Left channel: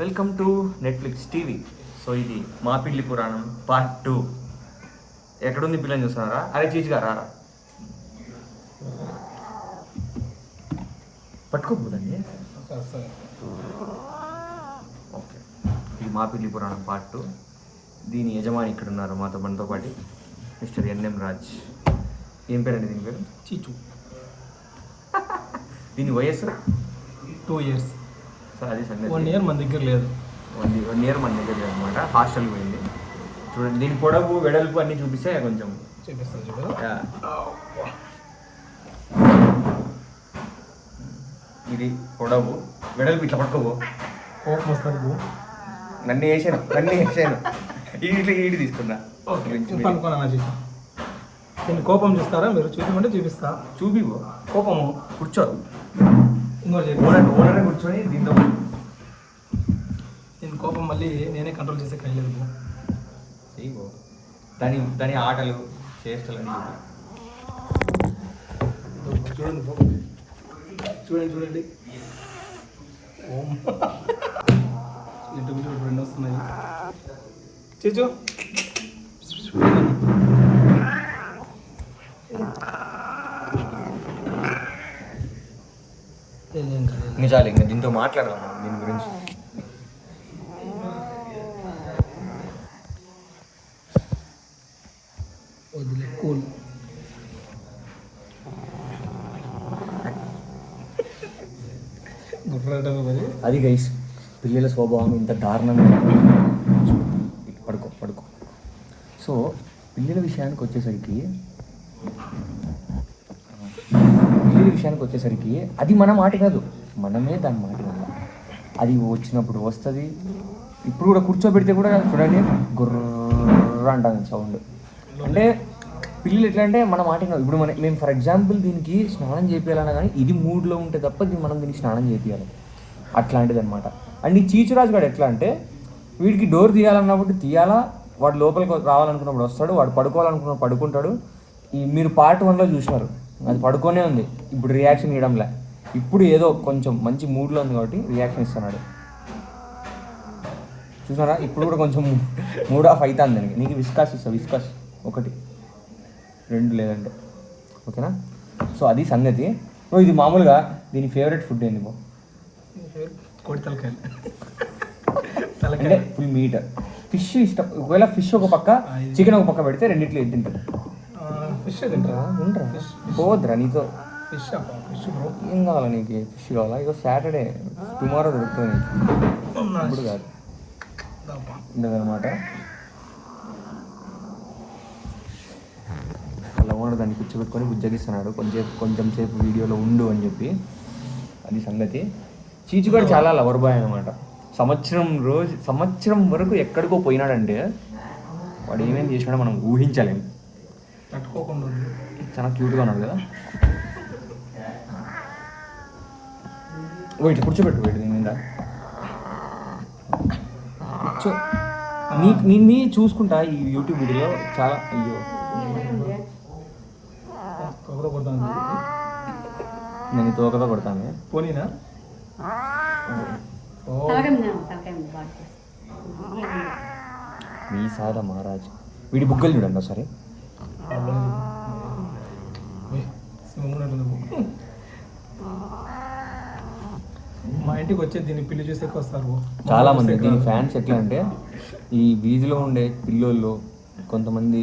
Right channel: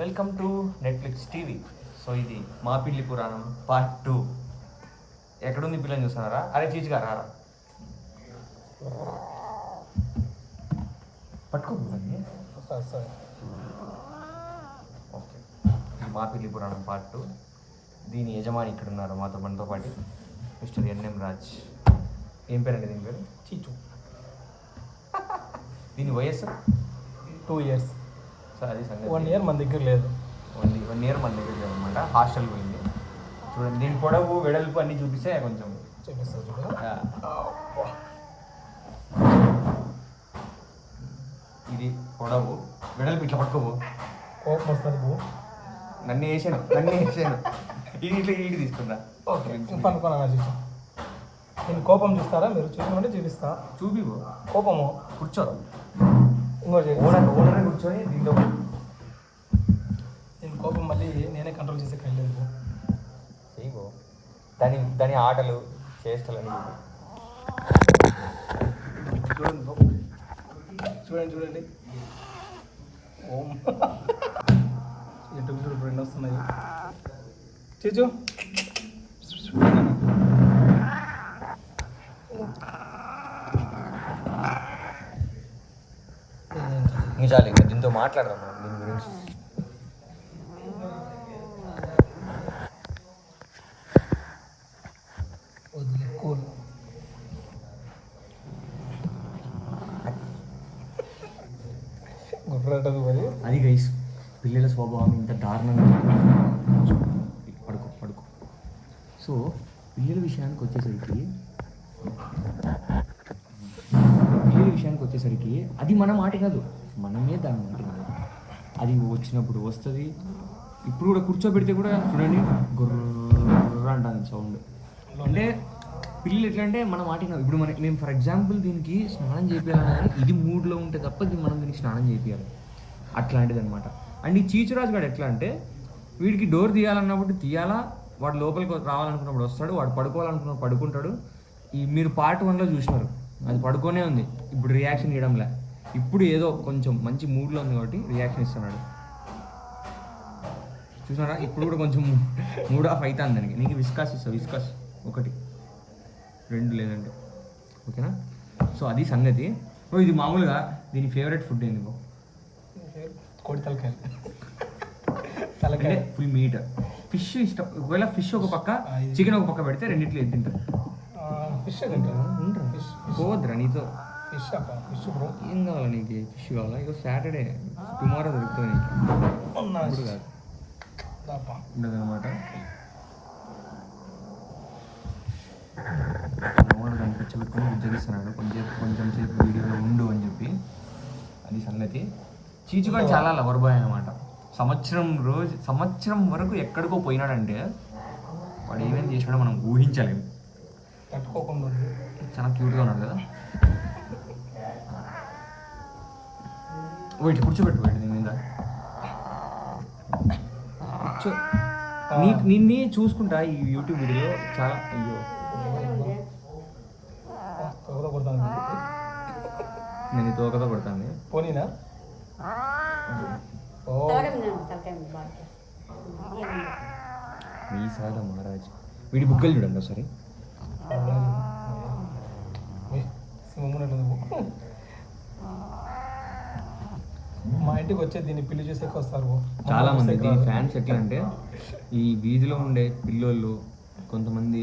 Welcome to Netflix TV. So ఇది మా పిల్లి పురాణం పార్ట్ 2. ఎక్కడుంది పిల్లని చూస్తున్నారా? అరే చీచిగా రారా, పట్టుకోపోదండి. ఓకే, ఇది మా పిల్లి పురాణం పార్ట్ 2. దీని యజమాని ఇక్కడ ఉన్నారు మనతో పాటు, మిస్టర్ ఎన్ఎం రాజ్. ఏం పేరండి దీని పేరు? చీచు. దీని వయస్సు 2 years. సార్ అది సంగతి. 1 year మన దగ్గర లేదు. 1 year మన దగ్గర లేదు అనమాట, హాస్టల్కి పోయింది. చూడండి, దీని పొడవు వెడల్పు అన్నీ చూపిస్తే కొంచెం చూపిస్తుంది చూడ. ఇది పొడవు వెడల్పు ఇట్లా పట్టుకోవు. కోపం వస్తుంది. నన్ను వేసాను ఈడి తీసుకున్నా. అనుకున్నా చూసా. దీన్ని కోపం చూస్తారా మీరు? చూపించమంటే చూపిస్తా. చూపివు. కోపము కూర్చో, ఓనర్ కూర్చొని దీంతో. దీని కోపం మళ్ళీ నేనే కంట్రోల్ చేసే కయ్యలేదు. దాని ఆటలు చేష్టలు చూడండి. ఇటు రెండు వస్తున్నాయి. చూచు నిజాలు. ఇంకా దీంతో మాట్లాడదాం దీని గురించి. వదిలే కూల్. అది గైస్, పిల్లల స్వభావం ఇంత దారుణంగా. పడుకో. సో పిల్లల విషయానికి వచ్చేసరికి అది మన మాట కాదు, మనమే దాని మాట వినాలి. అది వచ్చినప్పుడు వస్తుంది. ఇప్పుడు కూడా కూర్చోబెడితే కూడా చూడండి గుర్ర అంటుంది సౌండ్. అంటే పిల్లలు ఎట్లా అంటే మన మాట వినాలి. ఇప్పుడు మేము ఫర్ ఎగ్జాంపుల్ దీనికి స్నానం చేయాలన్నా కానీ ఇది మూడ్లో ఉంటే తప్ప మనం దీనికి స్నానం చేయాలి, అట్లాంటిది అనమాట. అండ్ ఈ చీచురాజు గారు ఎట్లా అంటే వీడికి డోర్ తీయాలన్నప్పుడు తీయాలా, వాడు లోపలికి రావాలనుకున్నప్పుడు వస్తాడు, వాడు పడుకోవాలనుకున్నప్పుడు పడుకుంటాడు. మీరు పార్ట్ 1లో చూసినారు, అది పడుకోనే ఉంది. ఇప్పుడు రియాక్షన్ ఇవ్వడంలే, ఇప్పుడు ఏదో కొంచెం మంచి మూడ్లో ఉంది కాబట్టి రియాక్షన్ ఇస్తున్నాడు. చూసారా, ఇప్పుడు కూడా కొంచెం మూడ్ ఆఫ్ అవుతుంది దానికి. నీకు విస్కాస్ ఇస్తా, విస్కాస్ 1 2 లేదంటే ఓకేనా. సో అది సంగతి. ఇది మామూలుగా దీని ఫేవరెట్ ఫుడ్ ఏంది బో? కోడి అంటే ఫుల్ మీట్. ఫిష్ ఇష్టం. ఒకవేళ ఫిష్ ఒక పక్క, చికెన్ ఒక పక్క పెడితే రెండిట్లో ఏది తింటారు? ఫిష్ తింటారా? పోద్రా నీతో. ఫిష్ ఏం కావాలా నీకు? ఫిష్ కావాలా? ఇక సాటర్డే, టుమారో దొరుకుతుంది నీకు, ఇప్పుడు కాదు ఉండదన్నమాట. అలా ఓనర్ దాన్ని కూర్చోబెట్టుకొని బుజ్జగిస్తున్నాడు. కొంచెం సేపు వీడియోలో ఉండు అని చెప్పి. అది సంగతి. చీచు కూడా చాలా లవర్ బాయ్ అనమాట. సంవత్సరం వరకు ఎక్కడికో పోయినాడంటే వాడు ఏమేమి చేసినాడో మనం ఊహించలేము. తట్టుకోకుండా చాలా క్యూట్గా ఉన్నాడు కదా. ఇట్లా కూర్చోబెట్టు దీని మీద. నిన్ను చూసుకుంటా ఈ యూట్యూబ్ వీడియోలో చాలా. అయ్యో నేను తోకతో కొడతాను. పోనీనా? వీసాల మహారాజ్. వీడి బుగ్గలు చూడండి ఒకసారి. మా ఇంటికి వచ్చే దీన్ని పిల్లి చూసే వస్తారు చాలా మంది. దీని ఫ్యాన్స్ ఎట్లా అంటే ఈ వీధిలో ఉండే పిల్లోళ్ళు కొంతమంది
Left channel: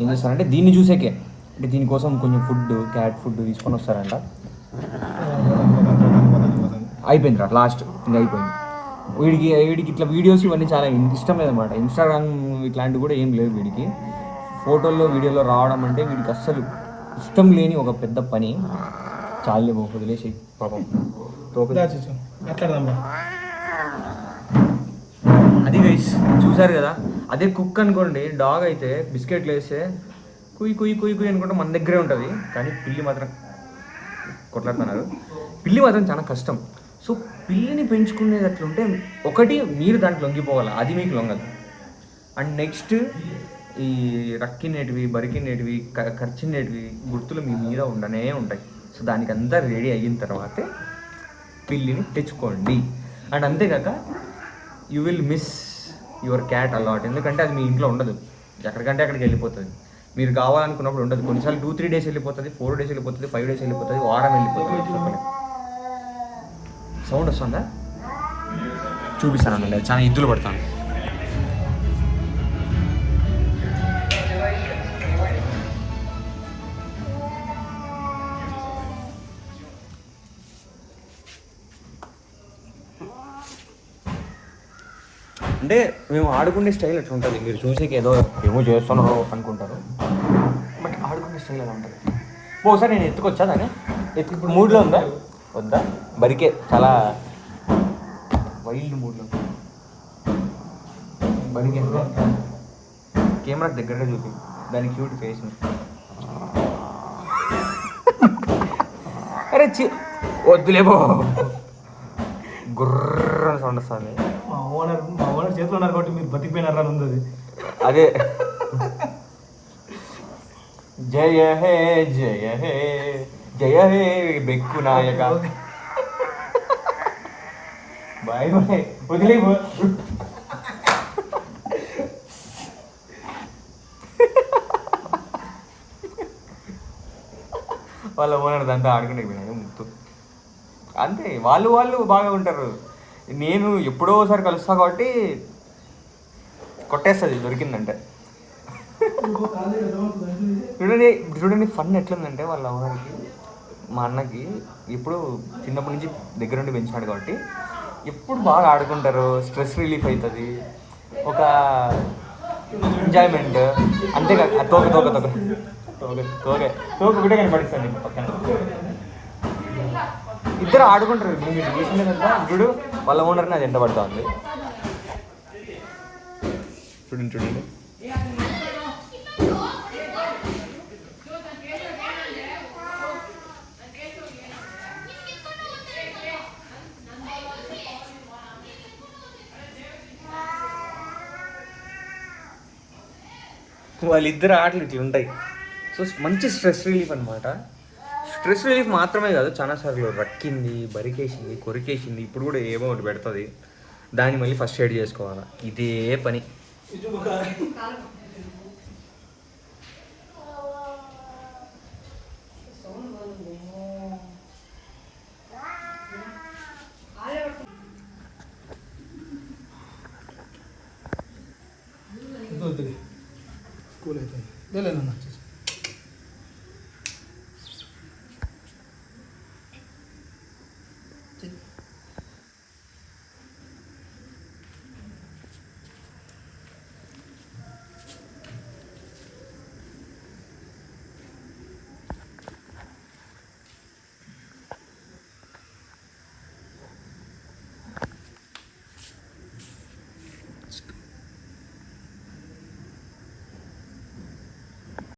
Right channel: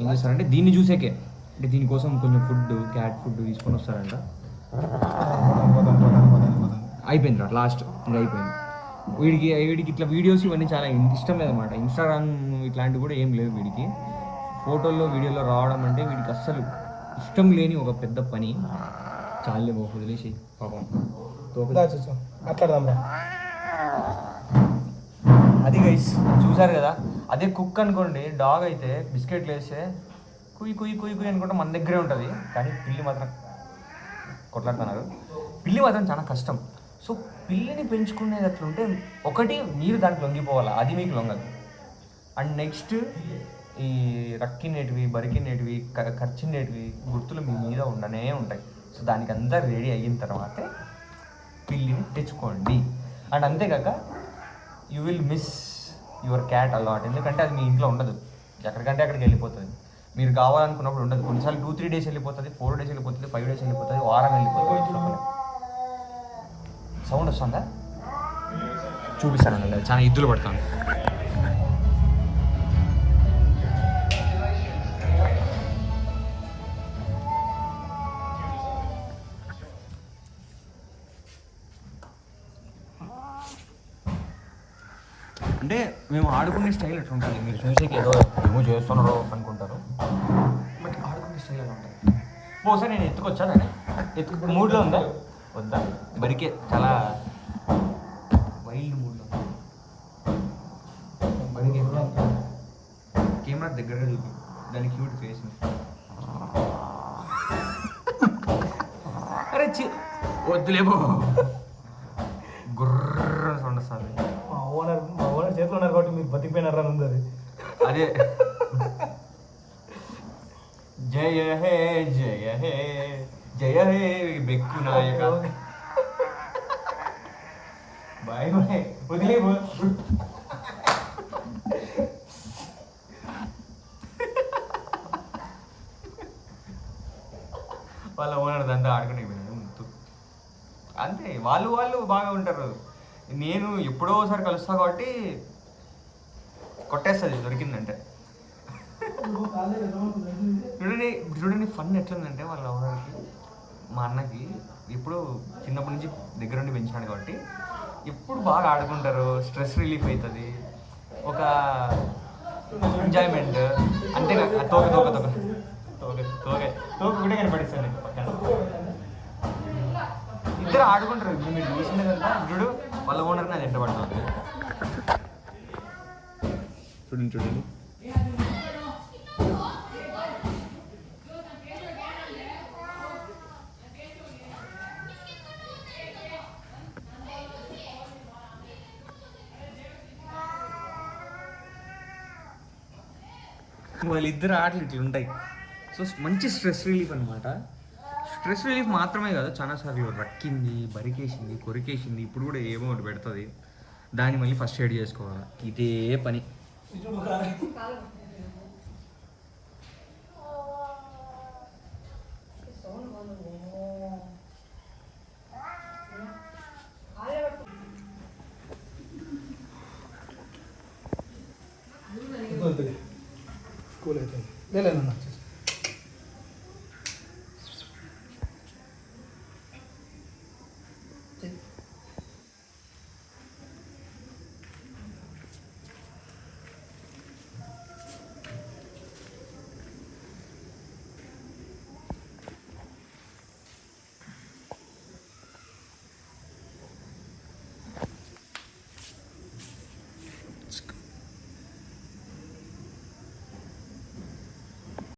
ఏం చేస్తారంటే దీన్ని చూసేకే, అంటే దీనికోసం కొంచెం ఫుడ్, క్యాట్ ఫుడ్ తీసుకొని వస్తారంట. అయిపోయింది రా లాస్ట్, ఇంకా అయిపోయింది. వీడికి ఇట్లా వీడియోస్ ఇవన్నీ చాలా ఇష్టమైనది అనమాట. ఇన్స్టాగ్రామ్ ఇట్లాంటివి కూడా ఏం లేదు వీడికి. ఫోటోల్లో వీడియోలో రావడం అంటే వీడికి అస్సలు ఇష్టం లేని ఒక పెద్ద పని. చాలే వదిలేసి పాపం. అది గైస్ చూసారు కదా. అదే కుక్ అనుకోండి, డాగ్ అయితే బిస్కెట్లు వేస్తే కుయ్ కుయ్ కుయ్ కుయ్ అనుకుంటే మన దగ్గరే ఉంటుంది. కానీ పిల్లి మాత్రం కొట్లాడుతున్నారు. పిల్లి మాత్రం చాలా కష్టం. సో పిల్లిని పెంచుకునేది అట్లుంటే ఒకటి మీరు దానికి లొంగిపోవాలి, అది మీకు లొంగదు. అండ్ నెక్స్ట్ ఈ రక్కినేటివి, బరికినేటివి, ఖర్చునేటివి గుర్తులు మీ మీద ఉండనే ఉంటాయి. సో దానికి అంతా రెడీ అయిన తర్వాతే పిల్లిని తెచ్చుకోండి. అండ్ అంతేకాక you will miss your cat a lot. ఎందుకంటే అది మీ ఇంట్లో ఉండదు, ఎక్కడికంటే అక్కడికి వెళ్ళిపోతుంది. మీరు కావాలనుకున్నప్పుడు ఉండదు. కొన్నిసార్లు 2-3 డేస్ వెళ్ళిపోతుంది, 4 డేస్ వెళ్ళిపోతుంది, 5 డేస్ వెళ్ళిపోతుంది, వారం వెళ్ళిపోతుంది. చెప్పలేదు. సౌండ్ వస్తుందా? చూపిస్తానండి, చాలా ఇద్దులు పడతాను. అంటే మేము ఆడుకునే స్టైల్ అట్లా ఉంటుంది. మీరు చూసేకి ఏమో చేస్తున్నారు అనుకుంటారు, బట్ ఆడుకునే స్టైల్ అలా ఉంటుంది. ఒకసారి నేను ఎత్తుకొచ్చా దాన్ని, మూడ్లో ఉందా వద్దా? బరికే చాలా వైల్డ్ మూడ్లో బరికే. కెమెరా దగ్గరగా చూపి దాని క్యూట్ ఫేస్. అరే వద్దులేబో, గుర్ర సౌండ్ వస్తుంది. మా ఓనర్ చేతిలో ఉన్నారు కాబట్టి మీరు బతికిపోయినారా అని ఉంది అది. అదే జయ హే జయ హే జయ హే బెక్కు నాయక. బాయ్ బాయ్, వదిలేబో. వాళ్ళ ఓనర్ దాంతో ఆడుకునే పోయినాడు ముత్తు. అంతే, వాళ్ళు బాగా ఉంటారు. నేను ఎప్పుడో ఒకసారి కలుస్తా కాబట్టి కొట్టేస్తుంది దొరికిందంటే. చూడండి ఫన్ ఎట్లుందంటే, వాళ్ళ ఓనర్కి మా అన్నకి ఎప్పుడు చిన్నప్పటి నుంచి దగ్గర నుండి పెంచినాడు కాబట్టి ఎప్పుడు బాగా ఆడుకుంటారు. స్ట్రెస్ రిలీఫ్ అవుతుంది, ఒక ఎంజాయ్మెంట్. అంతేకాక తోక తోక తోక తోక తోక తోక ఒకటే కనపడిస్తుంది పక్కన. ఇద్దరు ఆడుకుంటారు. ఇప్పుడు మీరు చూసినదంతా చూడు, వాళ్ళ ఓనర్ని అది ఎంట పడుతుంది. చూడండి చూడండి. వాళ్ళిద్దరు ఆటలు ఇట్లా ఉంటాయి. సో మంచి స్ట్రెస్ రిలీఫ్ అనమాట. స్ట్రెస్ రిలీఫ్ మాత్రమే కాదు, చాలాసార్లు రక్కింది, బరికేసింది, కొరికేసింది, ఇప్పుడు కూడా ఏమో ఒకటి పెడుతుంది. దాన్ని మళ్ళీ ఫస్ట్ ఎయిడ్ చేసుకోవాలి. ఇదే పని. కూల్ అవుతుంది. లేదు